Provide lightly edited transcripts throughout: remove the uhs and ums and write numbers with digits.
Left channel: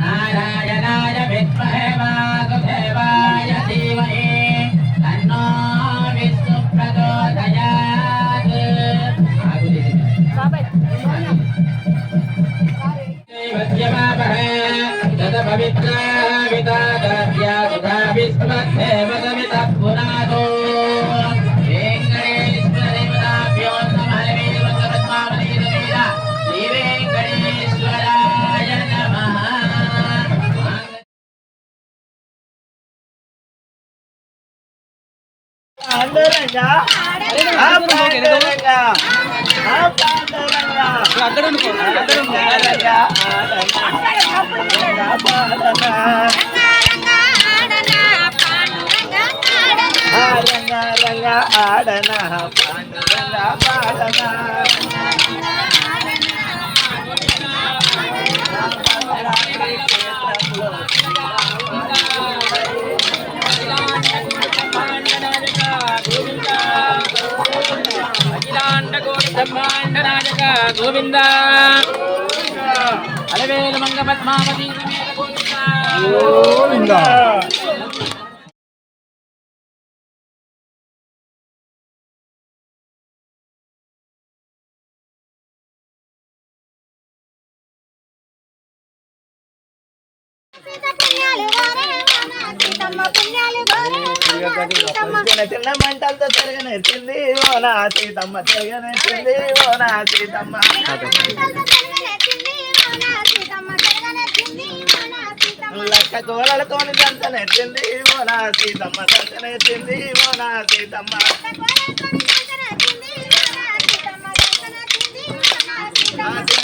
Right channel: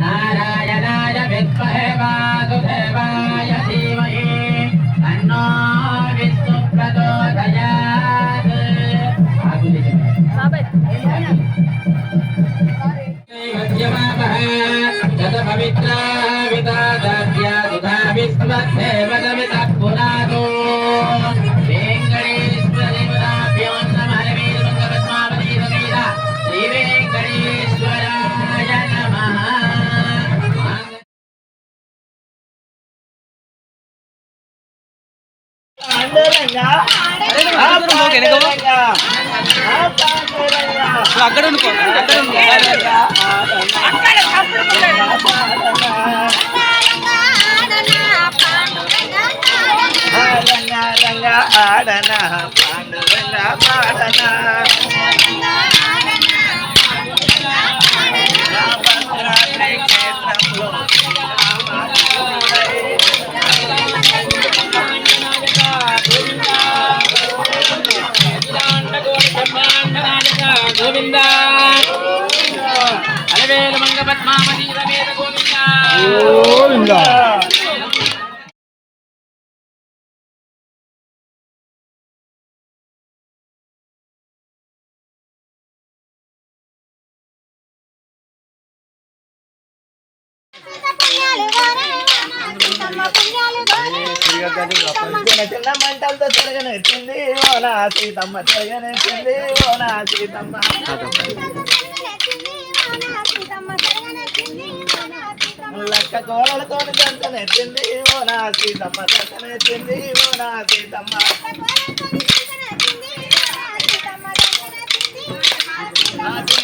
నారాయణాయ విద్మహే వాసుదేవాయ ధీమహి తన్నో విష్ణు ప్రచోదయాత్. జత పవిత్ర విదాద్య సుధా విష్ణుదేవ సమిత పురాణో అక్కడ ఆడనా పాండురంగ పాడనా గోవింద అలవేలు మంగ పద్మావతి రమేత గోవింద. చిన్న మంటలతో తిరగనెచ్చింది ఓ నా సీతమ్మ, తిరగనెచ్చింది ఓ నా సీతమ్మ. లక్క కోలలతో దంచనెచ్చింది ఓ నా సీతమ్మ, దంచనెచ్చింది ఓ నా సీతమ్మ.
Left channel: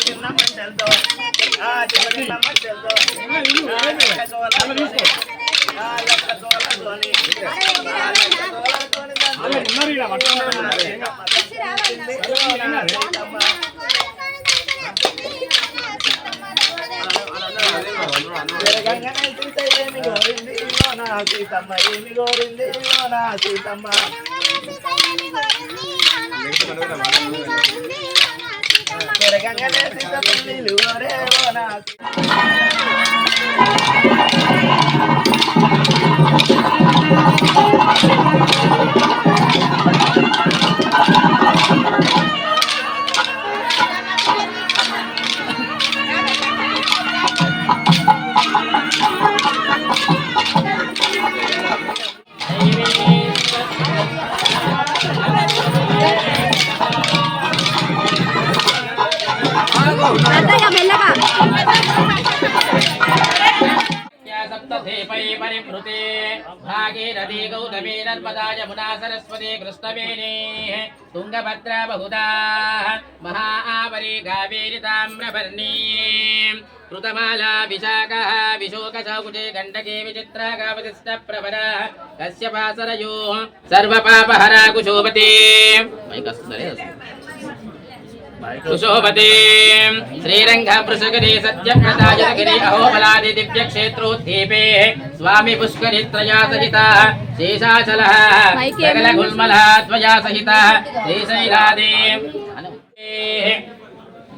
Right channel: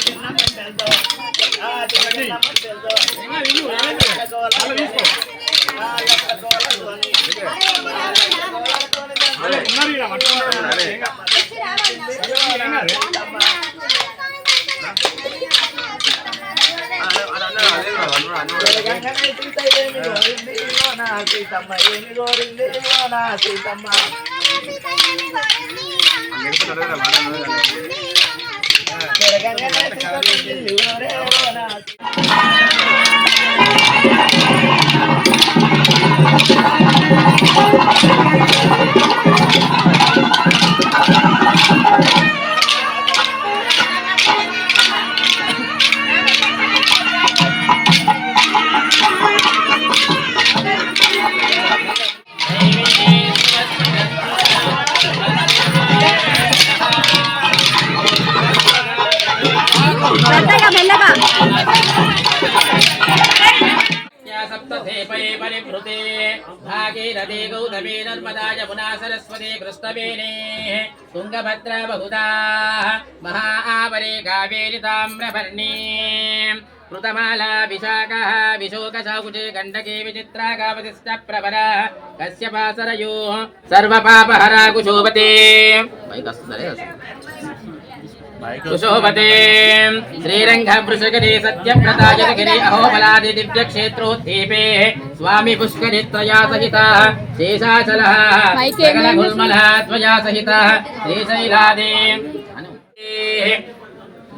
చిన్న మంటలతో చిన్న మంటలతో సీతమ్మ ఏమి గోరింది ఓ నా సీతమ్మ. తిరగంగానే సీతమ్మ రే ఓ నా परिभृते भागीरथी गौतमी नर्मदा यमुना सरस्वती कृष्णवेणी तुंगभद्रा बहुधा महाआवरे कावेरी ताम्रपर्णी कृतमाला विशाखः विशोकशाकुची गण्डकी विचित्रा कावतिश्च प्रभरा कश्यपासरयोः सर्वपापहरा कुशोभते कुशोभते श्रीरंगवृषगिरि सत्यव्रतायगिरि अहोबलादि दिव्यक्षेत्रोद्दीपे स्वामी पुष्करित्रया सहितः शेषाचलः सकलगुल्मलः त्वया सहितः श्रीशैलादे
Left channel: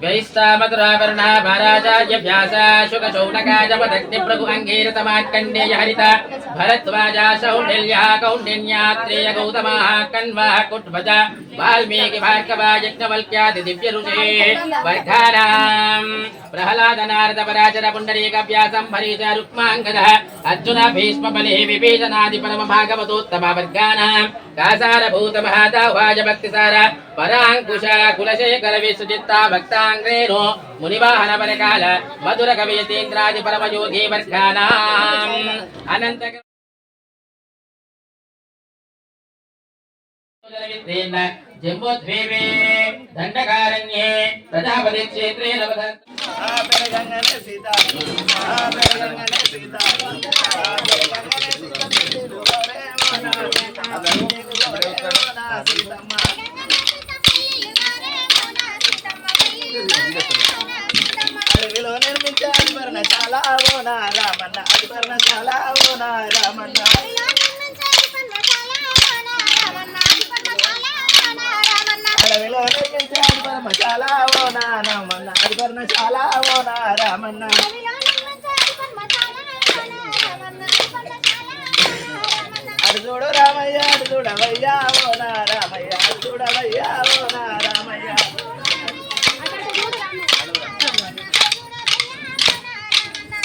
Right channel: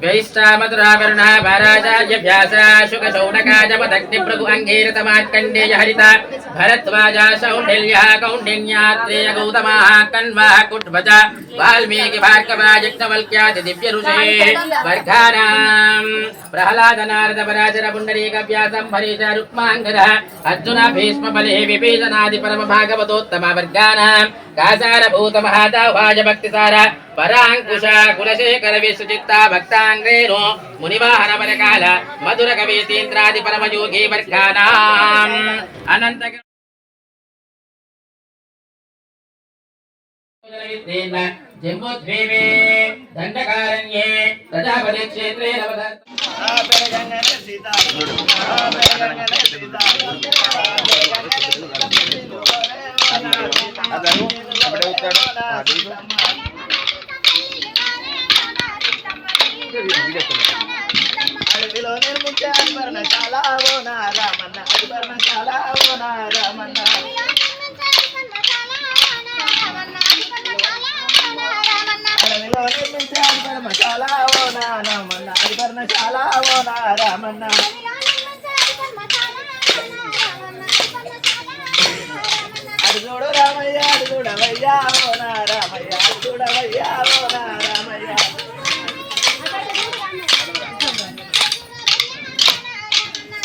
वैष्टा मधुरावरुणा महाराजार्य व्यासा शुकशौनकाजपदग्नि प्रभु अंगीरतमात्कण्डेय हरिता भरद्वाजा शौण्डिल्यः कौण्डिन्यात्रेय गौतमः कण्वः कुट्वज वाल्मीकि भार्गवा यज्ञवल्क्यादि दिव्य ऋषे वर्गाणां प्रहलाद नारद पराशर पुण्डरीक व्यासं हरीश रुक्माङ्गदः अर्जुन भीष्म बलिः विभीषणादि परम भागवतोत्तम वर्गाणां कासारभूत महादावाय भक्तिसार पराङ्कुश कुलशेखर विश्वचित्ता भक्ताङ्ग्रेणो मुनिवाहन परकाल मधुर कवीतीन्द्रादि परमयोगी वर्गाणाम् अनन्त जम्बोद्वीपे दण्डकारण्ये प्रजापति क्षेत्रे सीता అడవిలో నిర్మించే అల్పర్ణశాల ఓ నా రామన్న, అల్పర్ణశాల ఓ నా రామన్న. అడవిలో నిర్మించే అల్పర్ణశాల పర్ణశాల ఓ నా రామన్న అది పర్ణశాల ఓ నా రామన్న అది చూడు రామయ్య అది చూడవయ్యా ఓ నా రామయ్య అది చూడవయ్యా ఓ నా రామయ్య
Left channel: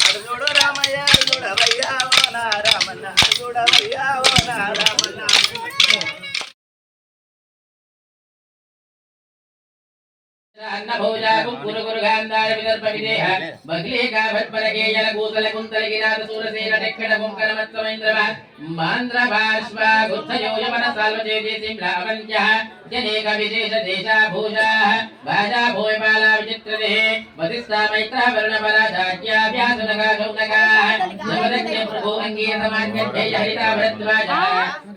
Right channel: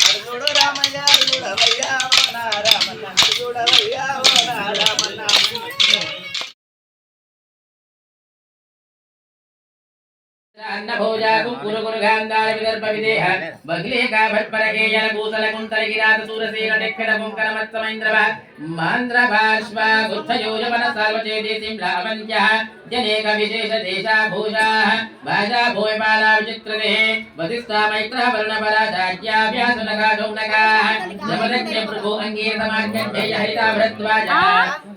అది చూడు రామయ్య అది చూడవయ్యా ఓ నా రామన్న అది చూడవయ్యా ఓ నా రామన్న अन्नभोजा कुकुर गुरुगांधार विदर्भ विदेह बगले का भटपरगे यन भूतल कुंतल गिरात सूरसेन निखड मुंकर मत्समेंद्रवा मांद्र भाष्वा गुच्छयो यमन साल्वजे देसिं लावण्यः जनेक विशेष देशा भूजा भाजा भूयमाला विचित्रदे वसिष्ठा मैत्र वर्ण पराजाज्ञा व्यासनगा गौनगा जमदग्ने प्रभु अंगीर समाज्ञे हरिता भरद्वाजा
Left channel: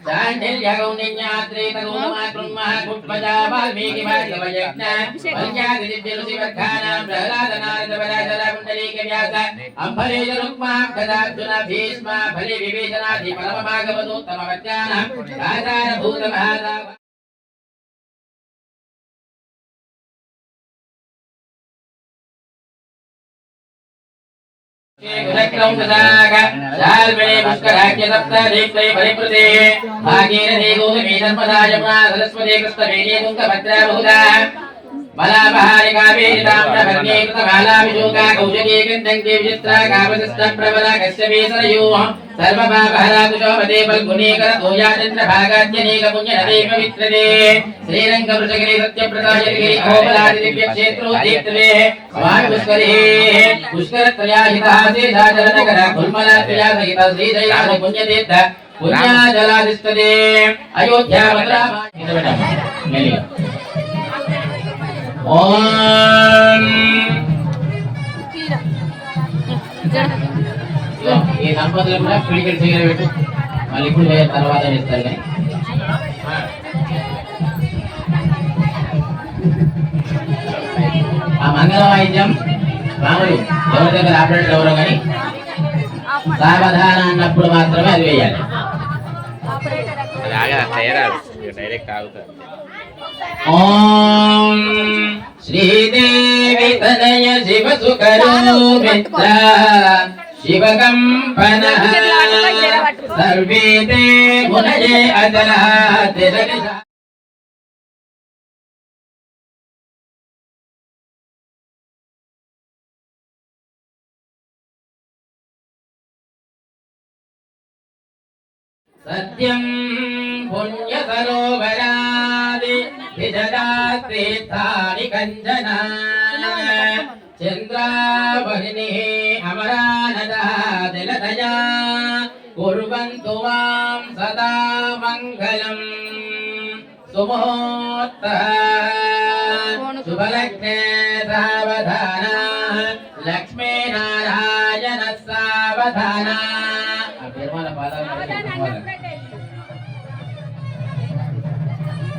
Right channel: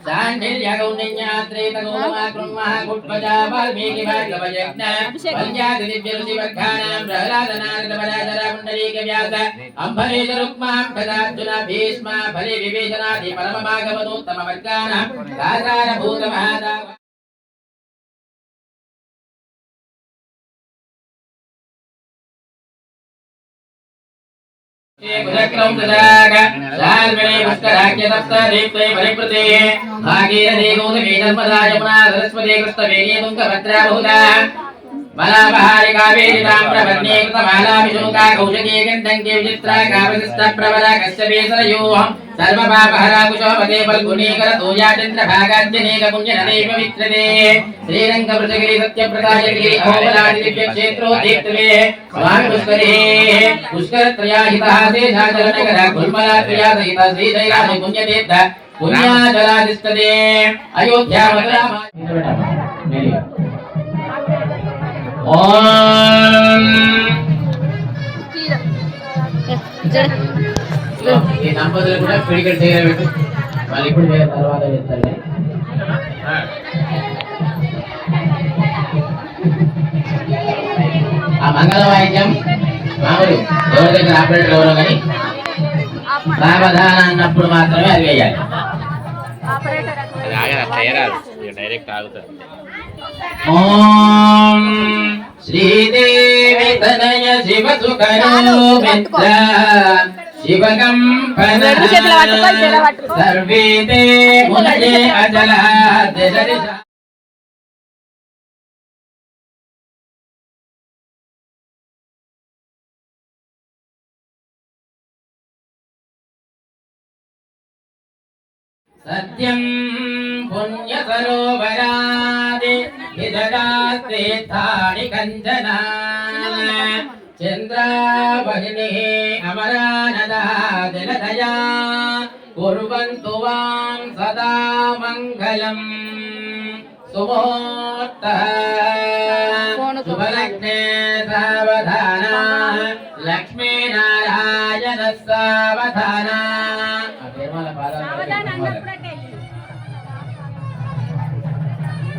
दांडिल्य गौण्यज्ञात्रेत गौनमा कृन्मः कुट्पजा वाल्मीकि भार्गव यज्ञ वन्यादि दिव्यरुचिवर्धानां प्रहलादनारदवराजराकुण्डलीक व्यास अम्बरेश रुक्मां तदार्जुन भीष्म भले विवेचनादि परमभागवतोत्तमवर्गाणां आधारभूतमहादाव गुणक्रम तदाग शाल्मणे पुष्कराख्य सप्तदीप्ते परिप्रते भागीरथी गौतमी नर्मदा यमुना सरस्वती कृष्णवेणी तुंगभद्रा बहुधा बलाबहारि कावेरी ताम्रवर्णी कृतमाला विशोका कौशकी गन्धङ्गी विचित्रा कामशिष्टा प्रबला कश्यपी सरयूः सर्वपापहरा कुशोपते फल्गुनी करतोया चन्द्रभागाद्यनेक पुण्यनदे पवित्रते श्रीरङ्गवृषगिरि सत्यप्रदायगिरि अहोबलादि दिव्यक्षेत्रो दीप्तवे स्वामि पुष्करिः पुष्करत्रयाहितः शेषाचलनगर कुल्मलात्रया सहित श्रीशैलानि पुण्यतीर्थ पुण्याजलादिष्टते अयोध्या मथुरा ओम ఈ దంపతులు కూడా పిడికెట్ చేయడం పెట్టు మళ్ళీ ఇప్పుడు తర్వాత చేస్తారు కానీ ఆ మంగళ వాయిద్యం మామూలు ఎవరి దగ్గర ఆపరేటర్ ఎవరో కానీ సావధాన అన్నప్పుడు మాత్రమే అది వేయాలి డైరెక్ట్ ఆగుతుంది ఓం శ్రీదేవి తనయ శివ సుఖరూపిత్ర శివకంపన సర్వే తే మునయే అజల దిలదిశ सत्यं पुण्य सरोवरादि विददास्तीर्थानि कञ्चना चन्द्रावहिनिः अमरानदा दिलदया कुर्वन्तु वां सदा मङ्गलम् सुमुहूर्तः शुभलग्ने सावधाना लक्ष्मीनारायणः सावधाना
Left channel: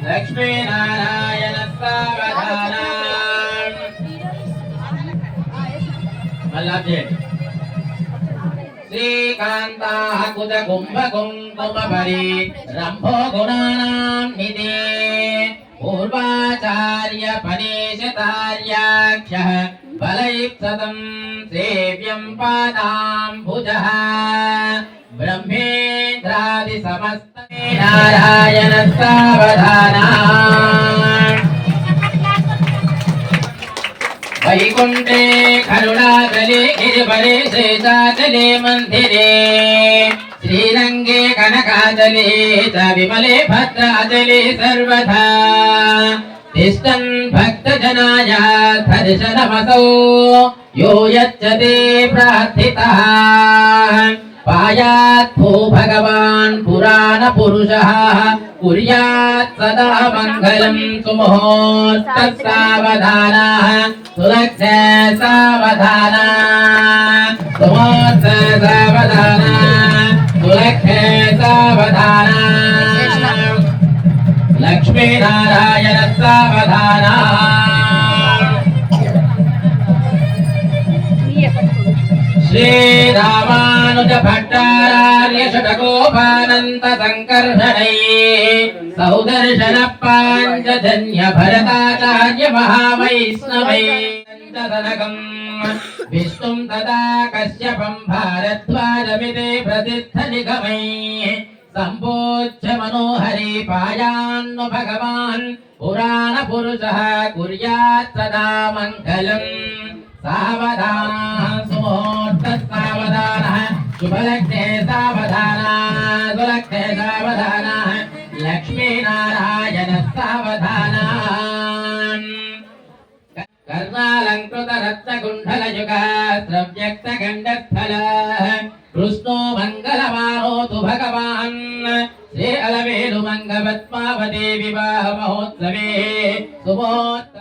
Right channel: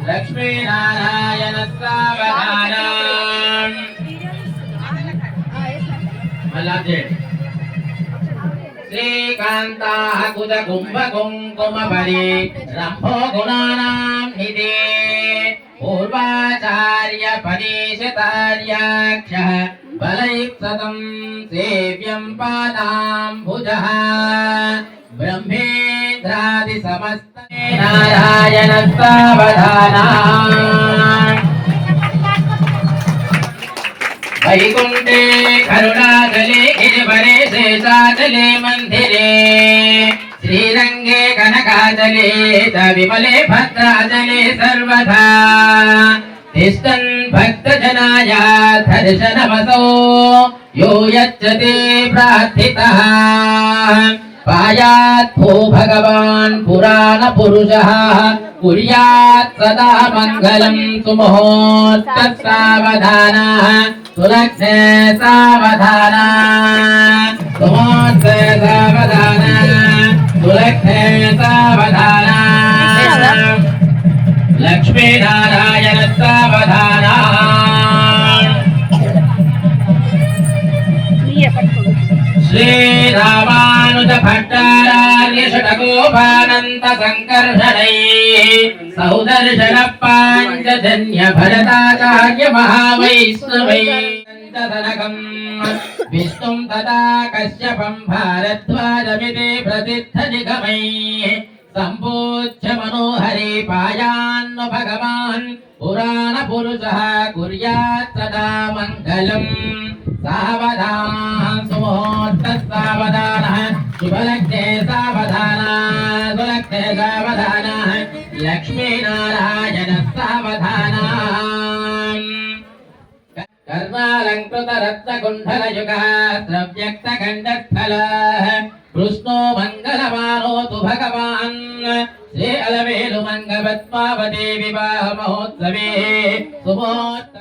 लक्ष्मी नारायण सावधान श्रीकान्ताः कुज कुम्भ कुङ्कुम परि रम्भो गुणानां निधे पूर्वाचार्य परीशितार्याख्यः बलैक्सतं सेव्यं पादाम्बुजः ब्रह्मेन्द्रादि समस्त नारायण सावधाना वैकुंठे करुणाचले गिरिवरे शेषाचले मंदिरे श्रीरंगे कनकाचले च विमले भद्राचले सर्वथा तिष्ठन् भक्तजनाय दर्शनमसौ यो यच्छते प्रार्थितः पायात् भो भगवान् पुराण पुरुषः कुर्यात् सदा मङ्गलं सुमुहूर्तः सावधानः सुलग्ने सावधानः सुमुहूर्ते सावधानः सुलग्ने सावधानः लक्ष्मीनारायण सावधानः श्रीरामानुज भट्टारार्य षटकोपानन्त संकर्षणै सौदर्शन पाञ्चजन्य भरताचार्य महावैष्णवै विष्णुं तदा कश्यपं भारद्वाजमिति प्रतिष्ठनिगमै सम्पूज्य मनोहरि पायान्नु भगवान् पुराणपुरुषः कुर्यात् सदा मङ्गलम् सावधानः सुमुहूर्तः सावधानः शुभलग्ने सावधानः सुलग्ने सावधानः लक्ष्मीनारायणः सावधानः कर्णालङ्कृत रत्नकुण्डलयुगः स्रव्यक्तकण्ठस्थलः कृष्णो मङ्गलमानोतु भगवान् श्री अलवेलुमङ्गपद्मावती विवाह महोत्सवे सुमुहूर्त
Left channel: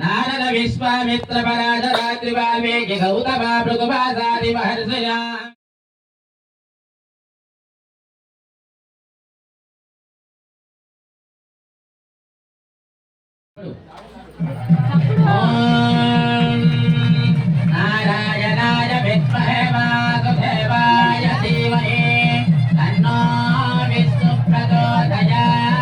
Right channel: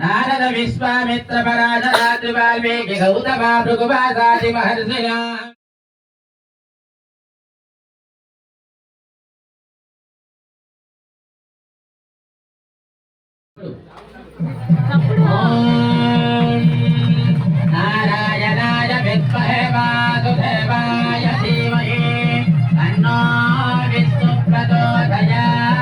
नारद विश्वामित्र पराशरात्रि वाल्मीकि गौतम भृगुवासादि महर्षिणा नारायणाय विद्महे वासुदेवाय धीमहि तन्नो विष्णुः प्रचोदयात्।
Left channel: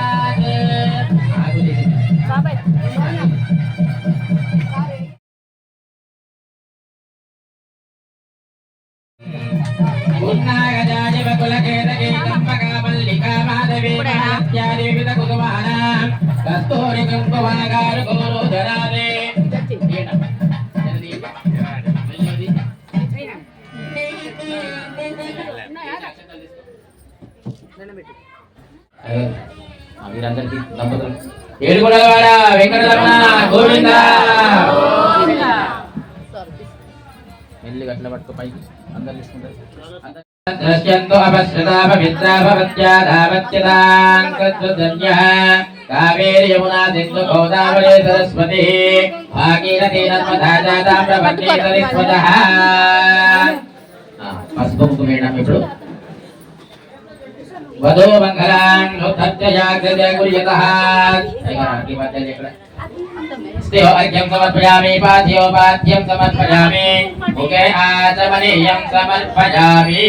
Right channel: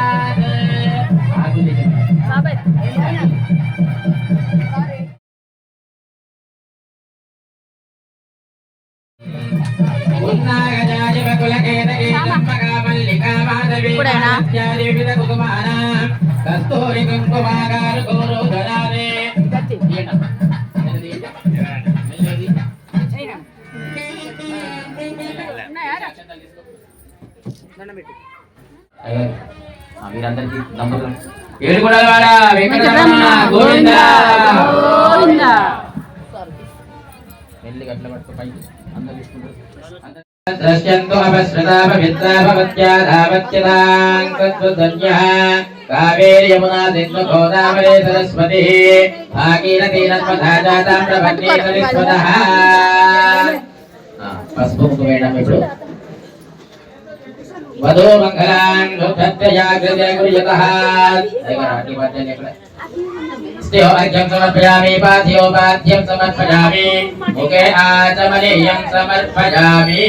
उन्नागजाय बकुलकेतकी चम्पका मल्लिका माधवी माणिक्यादि विविध कुसुमानां कस्तूरि कुङ्कुमागार गौरोधरावे వీరందరికీ దంపతులు ఏడుగొండలవాడ వెంకటరమణ గోవింద ఎల్లి గట్ల పట్టుకో పై అందరు తీసుకుంటారు ద్రశ్యంతో అపశ్రుతా పవిత్రా భవత్యా ధావత్యతాం తద్వదన్యః కావేరీ యమునా సింధు గోదావరి సరస్వతి భాగీరథీ నర్మదా తామ్రపర్ణీ సరస్వతః పసుపు కుంకుమ వేయడం ఇప్పుడు वधो मंगलान् लोकत्याग्रजय गुर्यतः ऐगराटी मध्य निकले स्तेहो अर्घ्यं समर्पयामि पाद्योपाद्यं समर्पयामि मुखे आचमनीयं समर्पयामि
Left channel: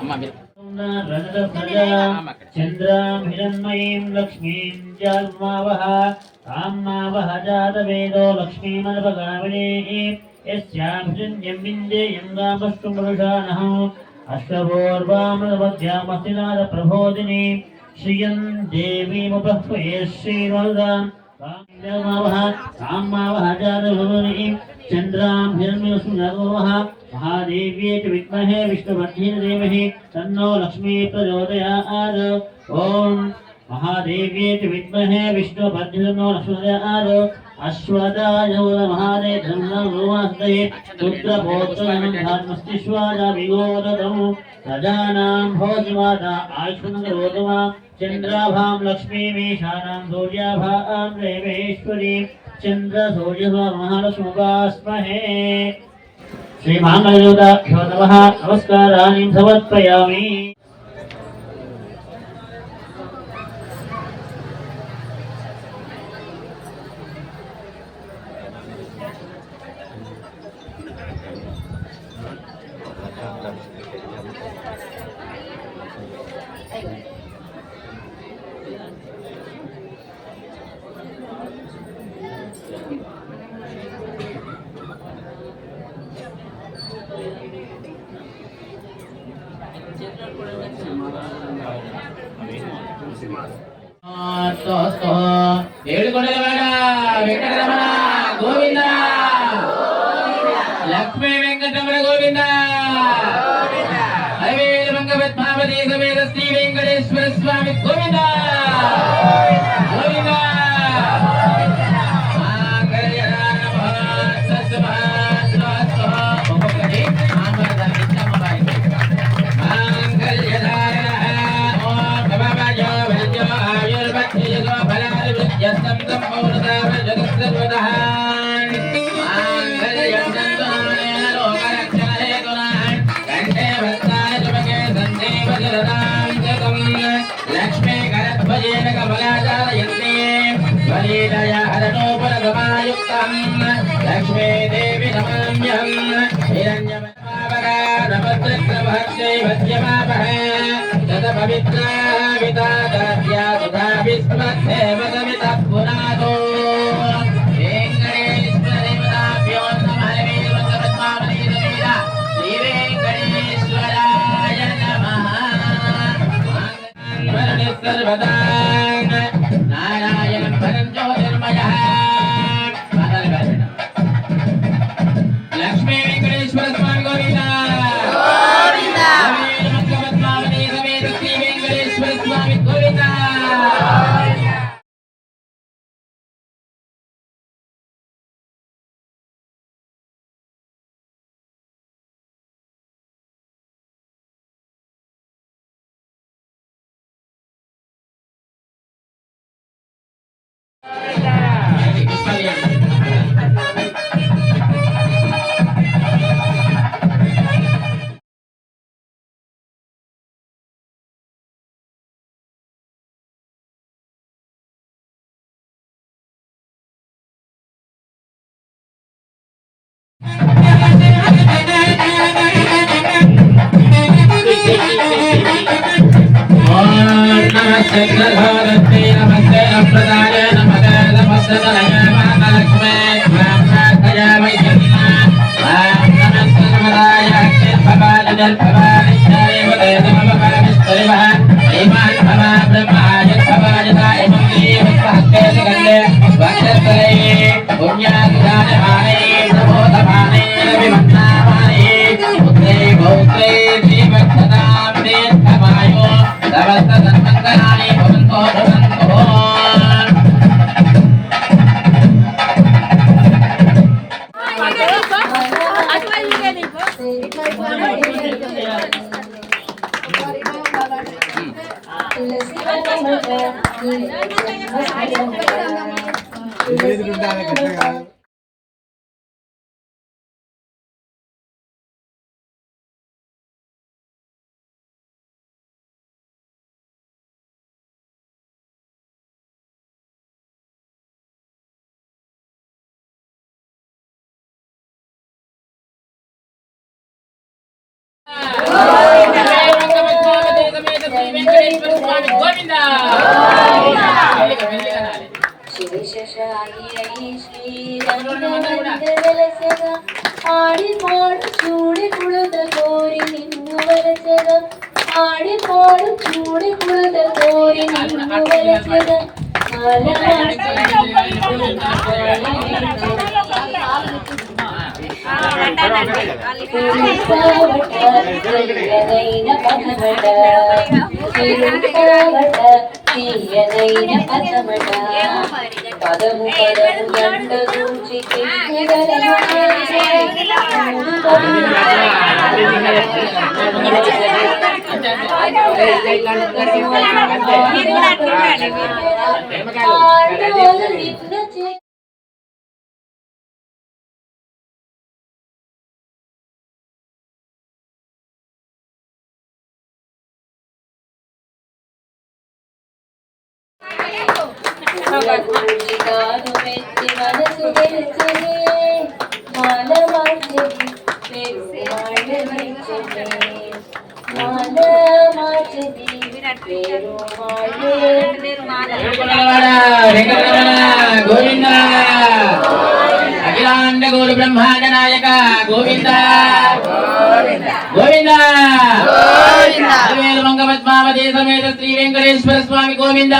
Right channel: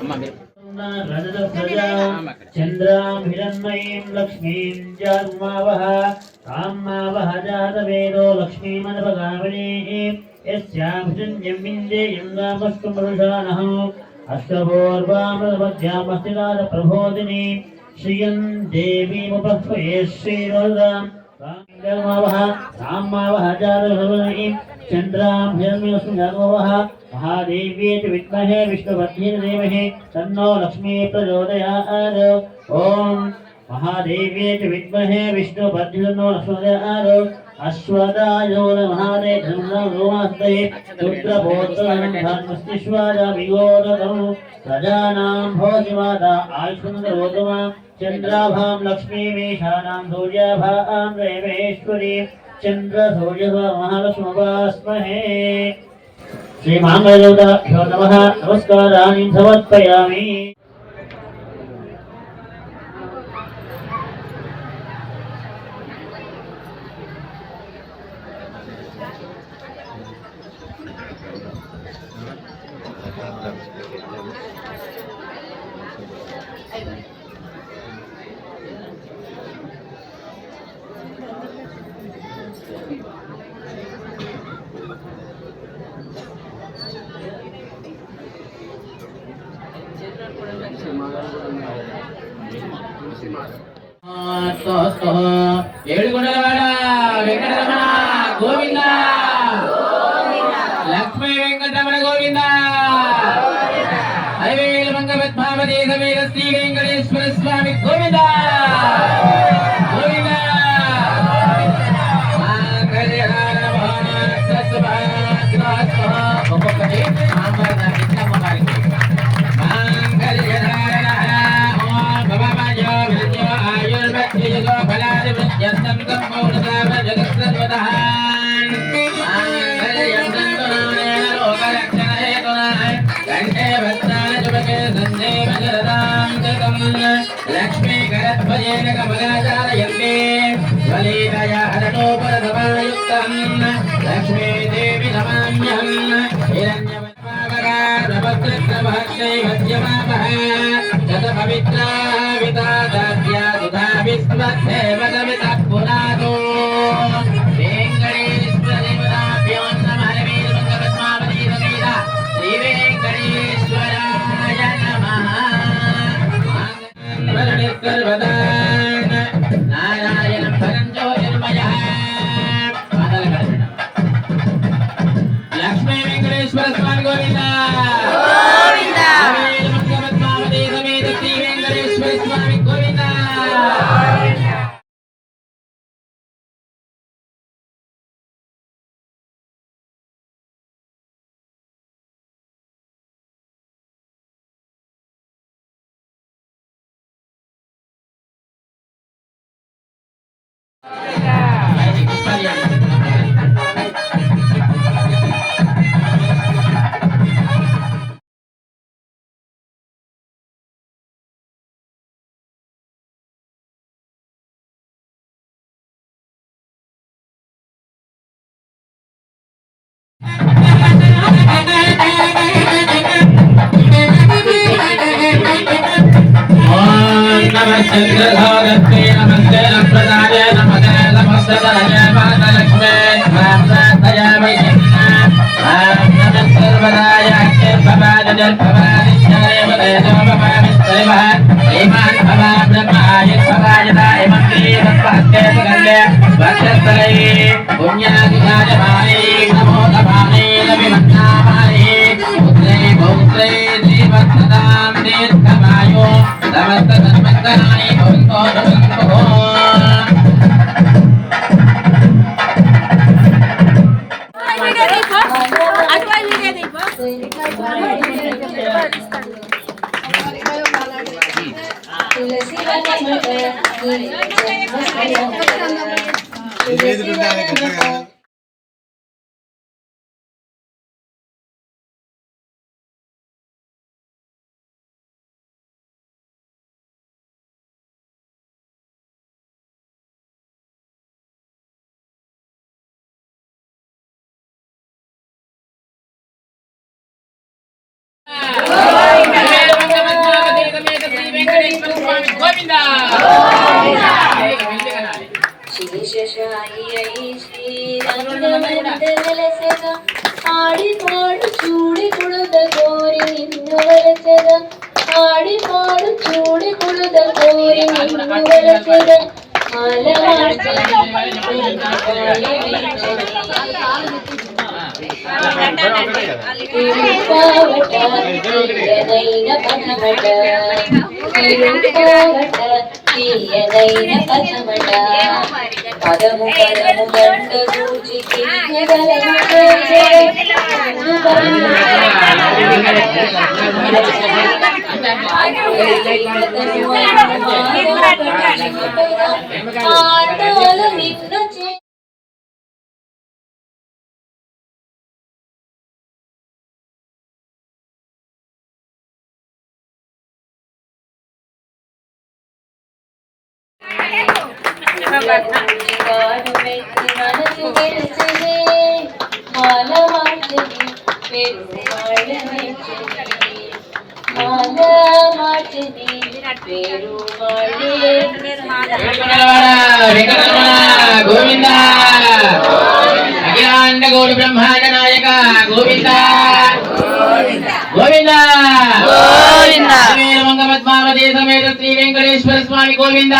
अम्मा मेरे चंद्रां हिरण्मयीं लक्ष्मीं जन्मावह ताम्मावह जातवेदो लक्ष्मीमनपगामिनीः यस्यां शून्यं विन्देयं गामस्तुमरुषाणः अष्टपूर्वामृतमध्यामस्तिनाथ प्रबोधिनी श्रियं देवीमुपह्वये श्रीवरदां जन्मावह ताम्मावह जातवेदो चंद्रां हिरण्मयीं महादेव्यै च विद्महे विष्णुपत्नी धीमहि तन्नो लक्ष्मी प्रचोदयात्। ओम महादेव्यै च विद्महे विष्णुपत्नी तन्नो लक्ष्मी प्रचोदयात्। अश्वदाय नमः धर्मवासदये रुद्रपोत्रं धर्मस्तिष्वाजा विगोदतं प्रजानां भोजिमाता आयुष्मन्करोतमा चन्द्राभां लक्ष्मीमीशानां सूर्याभां देवेश्वरी चन्द्र सूर्य महालक्ष्मीवास्महे। श्री मांगल्यदेवताभ्यो नमः नमस्काराणि समर्पयामि। ఏడుగొండలవాడ వెంకటరమణ గోవింద లక్ష్మీ వెంకటరమణ గోవింద అలవేలు మంగ పద్మావతి సమేత శ్రీ వెంకటేశ్వర స్వామి గోవింద గోవింద लक्ष्मीकरध्वजेन कमलाचारयन्ते ज्वलितया हरतोपरसमायुक्तम् लक्ष्मीदेवी नमाम्यहम् हिरण्यवत्पावकारभद्रक्रमहर्षै भज्यमापः शतपवित्रा वितादाद्या सुधा विस्मद्धेव समितः पुनातो वेङ्कटेश्वरदेवताभ्यो नमः वीरभद्रपद्मावती समेत श्रीवेङ्कटेश्वराय नमः सर्वदा नारायणं परं ज्योतिर्मयः लक्ष्मी वेंकटेश्वर स्वामी गोविंदा गोविंदा पद्मावती समेत श्री वेंकटेश्वर स्वामी गोविंदा नमस्ते नमस्ते नमस्ते नमस्ते नमस्ते नमस्ते महालक्ष्मी नमस्ते वैद्यना नमस्ते वराय अक्षय भवान जल भवान जय वदय नमः विस्तरिवः ईमान भवान ब्रह्माय भवान दाय मंत्री भक्ते सुगंधे वक्षस्थले पुण्यादिदाय भारे नमो नमाने नमिमन्नामाने पुत्रे पौत्रे जीवत्सदां दीर्घमायो नमस्ते नमस्काराणि भवन्तो भवन्तो ఆడిపాడు చూడి కుడుద కోరి నిన్ను వలచద ఆడిపాడు చూడి కుడుద కోరి నిన్ను వలచద పదము పదము గంట సూచికి మనసు తెలిసినే మాల మార్చని పేరు మాల మార్చని పేరు గోవింద అఖిలాండ గౌర బ్రహ్మాండ నాయక గోవింద గోవింద మంగ పద్మావతి సమేత శ్రీ వెంకటేశ్వర స్వామి గోవింద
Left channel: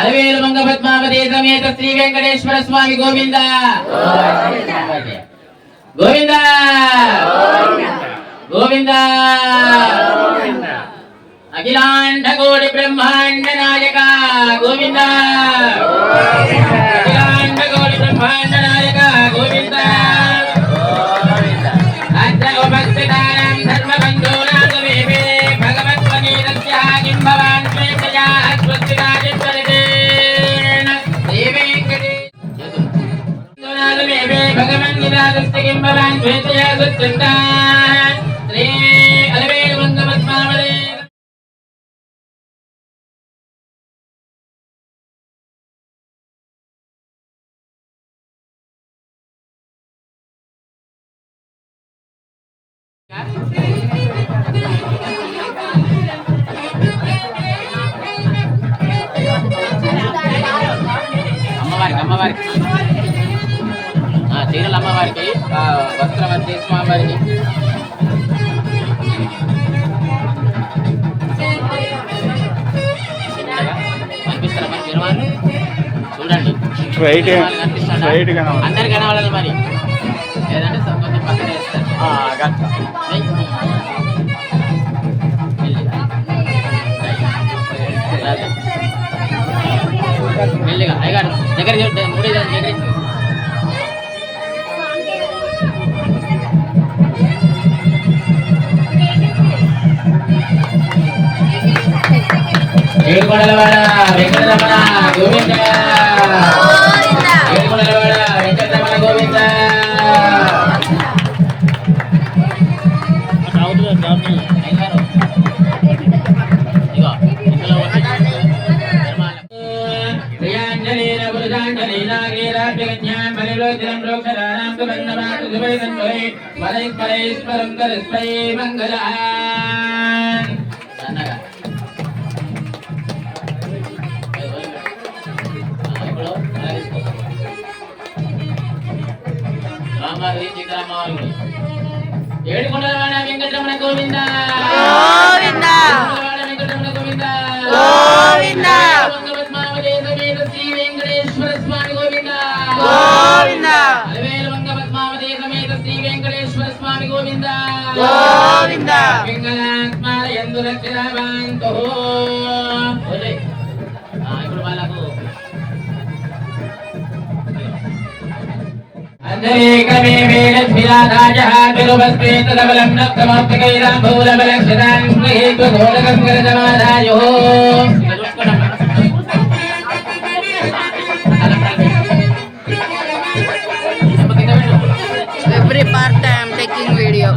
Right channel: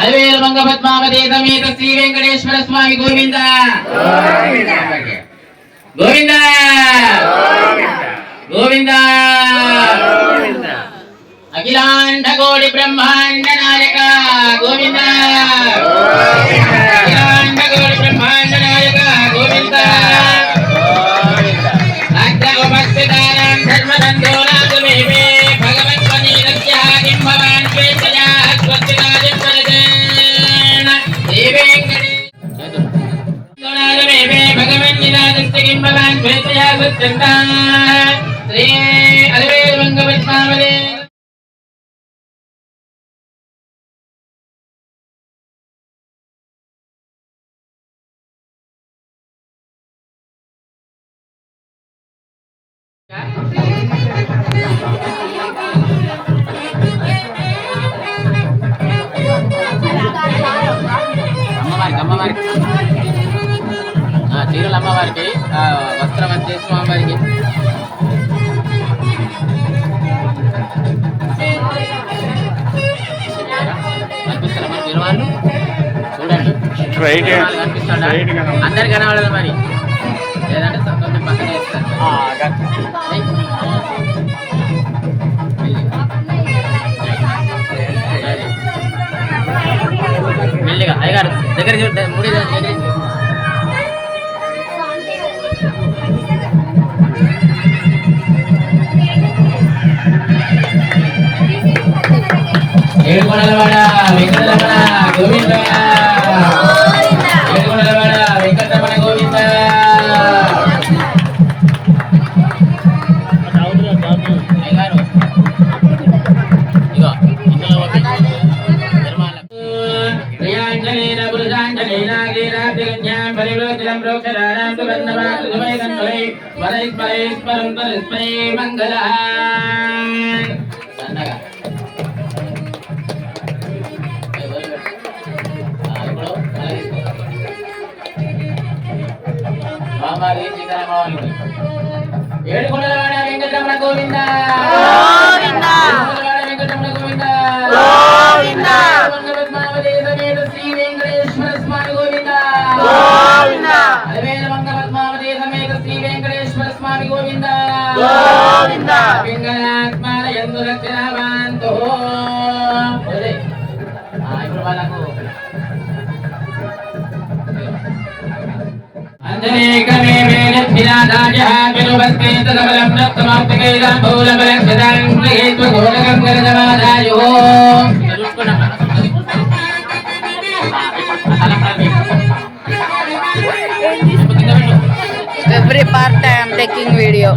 అలవేలు మంగ పద్మావతి సమేత శ్రీ వెంకటేశ్వర స్వామి గోవింద గోవింద గోవింద అఖిలాండ గౌరి బ్రహ్మాండ నాయక గోవింద అఖిలాండ గౌరి బ్రహ్మాండ నాయక గోవింద भगवान श्री అమ్మవారికి చీరలు అమ్మవారికి వస్త్రం వచ్చేసి స్వామివారికి అనిపిస్తారా మరి తిరుమల చూడండి అందరు కనబడాలి మరి లేదంటే కొంచెం పక్కన వేస్తారు మెల్లిగా అయ్యారు దగ్గరికి మూడే దగ్గరికి ఏడుకొండలవాడ వెంకటరమణ గోవింద ఏడుకొండలవాడ వెంకటరమణ గోవింద ఇగో ఇందులో ప్రియాంజనేన పురుషాంజనేన గీరాభ్యగన్యాం పరిలోచనం ప్రోక్షరాణాం సుగంధమాన సువైదం వలై వలై స్మరై స్మరంత విస్మై మంగళాన్ సన్నగా ఏడుకొండలవాడ వెంకటరమణ గోవింద గోవింద వెంకటరమణ గోవింద గోవింద పద్మావతి సమేత శ్రీ వెంకటేశ్వర స్వామి గోవింద గోవింద అలవేల మంగ పద్మావతి సమేత శ్రీ వెంకటేశ్వర స్వామి గోవింద గోవింద పింగళాత్మాల యందు రక్షణావంతో ఇప్పుడు వాళ్ళకు అంజనేకమే వేదభిరాజాయ విలువస్కృత సబలం నత్తమస్తకైదం భూలబలక్షితాం గృహీత్వ ఘోరకం గరజమాదాయో Every part I am taking video.